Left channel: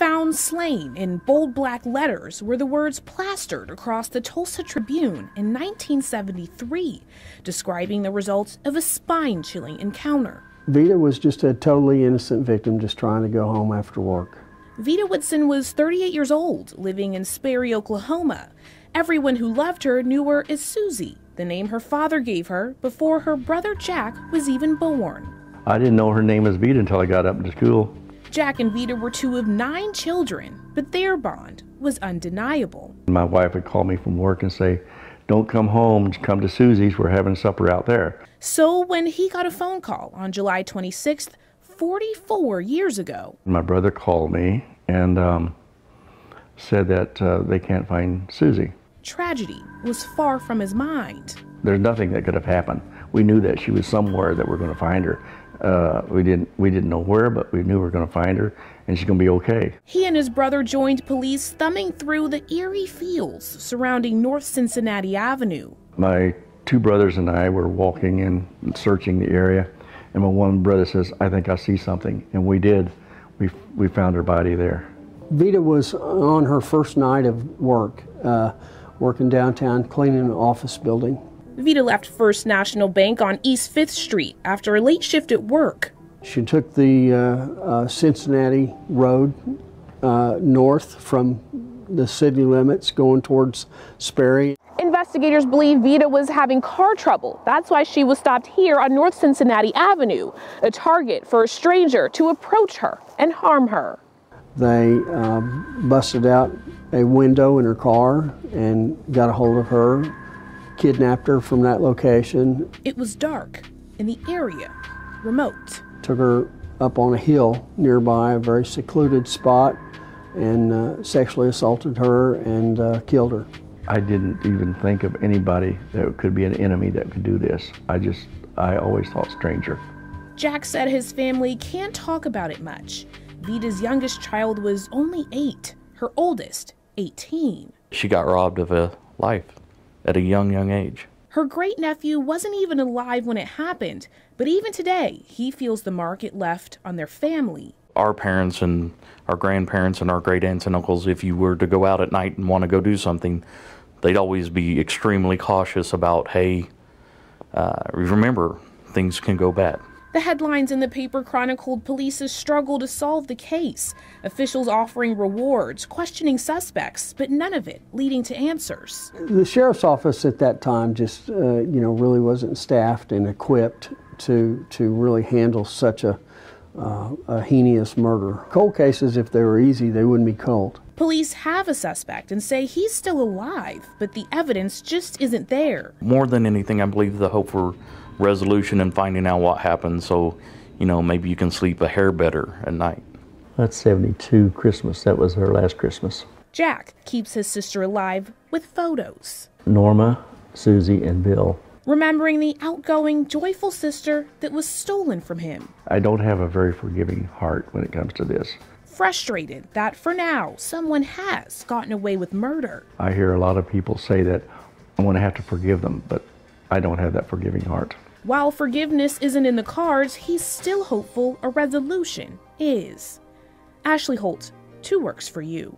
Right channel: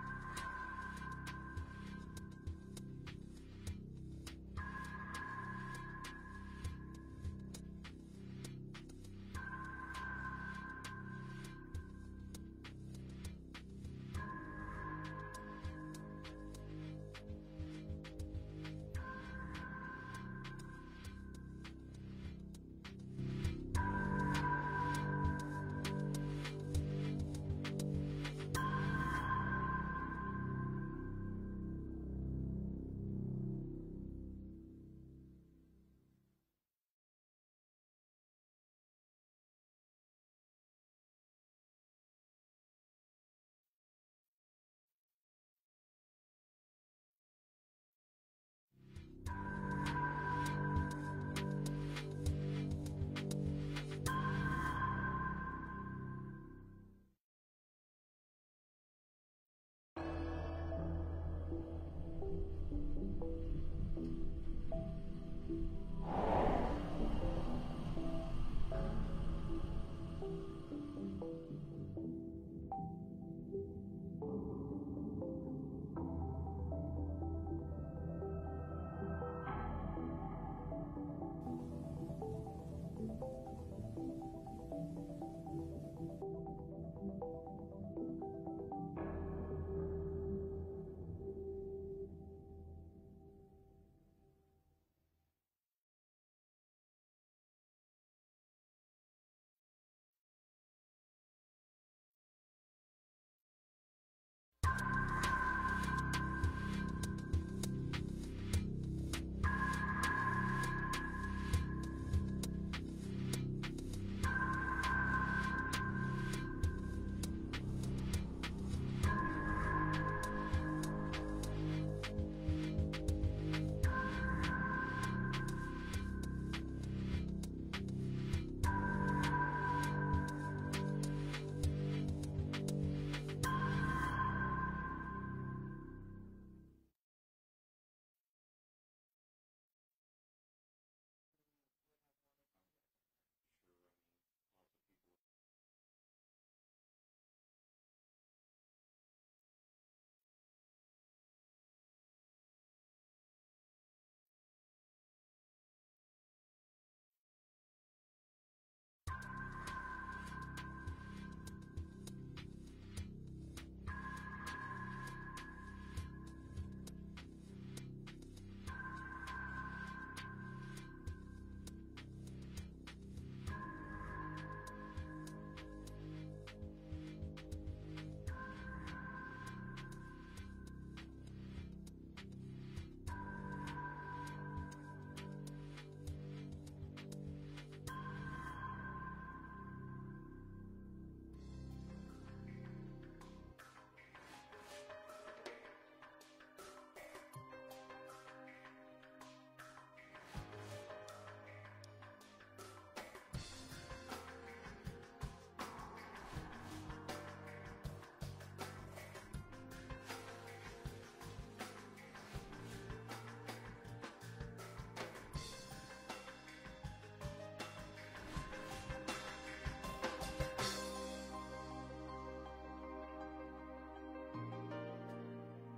Found slain in bold black letters were the words plastered across the Tulsa Tribune in 1973, describing the results of a spine-chilling encounter. Vita was just a totally innocent victim just trying to go home after work. Vita Whitson was 38 years old, living in Sperry, Oklahoma. Everyone who loved her knew her as Susie, the name her father gave her before her brother Jack was even born. I didn't know her name was Vita until I got up to school. Jack and Vita were two of 9 children, but their bond was undeniable. My wife would call me from work and say, "Don't come home, come to Susie's, we're having supper out there." So when he got a phone call on July 26th, 44 years ago. My brother called me and said that they can't find Susie. Tragedy was far from his mind. There's nothing that could have happened. We knew that she was somewhere that we're going to find her. We didn't know where, but we knew we were going to find her, and she's going to be okay. He and his brother joined police thumbing through the eerie fields surrounding North Cincinnati Avenue. My 2 brothers and I were walking and searching the area, and my one brother says, "I think I see something," and we did. We found her body there. Vita was on her first night of work, working downtown, cleaning an office building. Vita left First National Bank on East 5th Street after a late shift at work. She took the Cincinnati Road north from the city limits going towards Sperry. Investigators believe Vita was having car trouble. That's why she was stopped here on North Cincinnati Avenue, a target for a stranger to approach her and harm her. They busted out a window in her car and got a hold of her, kidnapped her from that location. It was dark in the area, remote. Took her up on a hill nearby, a very secluded spot, and sexually assaulted her and killed her. I didn't even think of anybody that could be an enemy that could do this. I always thought stranger. Jack said his family can't talk about it much. Vita's youngest child was only 8, her oldest 18. She got robbed of a life at a young age. Her great-nephew wasn't even alive when it happened, but even today, he feels the mark it left on their family. Our parents and our grandparents and our great aunts and uncles, if you were to go out at night and want to go do something, they'd always be extremely cautious about, hey, remember, things can go bad. The headlines in the paper chronicled police's struggle to solve the case, officials offering rewards, questioning suspects, but none of it leading to answers. The sheriff's office at that time just, really wasn't staffed and equipped to really handle such a heinous murder. Cold cases, if they were easy, they wouldn't be cold. Police have a suspect and say he's still alive, but the evidence just isn't there. More than anything, I believe the hope for resolution and finding out what happened, so maybe you can sleep a hair better at night. That's 72 Christmas. That was her last Christmas. Jack keeps his sister alive with photos. Norma, Susie, and Bill. Remembering the outgoing, joyful sister that was stolen from him. I don't have a very forgiving heart when it comes to this. Frustrated that for now, someone has gotten away with murder. I hear a lot of people say that I'm going to have to forgive them, but I don't have that forgiving heart. While forgiveness isn't in the cards, he's still hopeful a resolution is. Ashley Holt, 2 Works for You.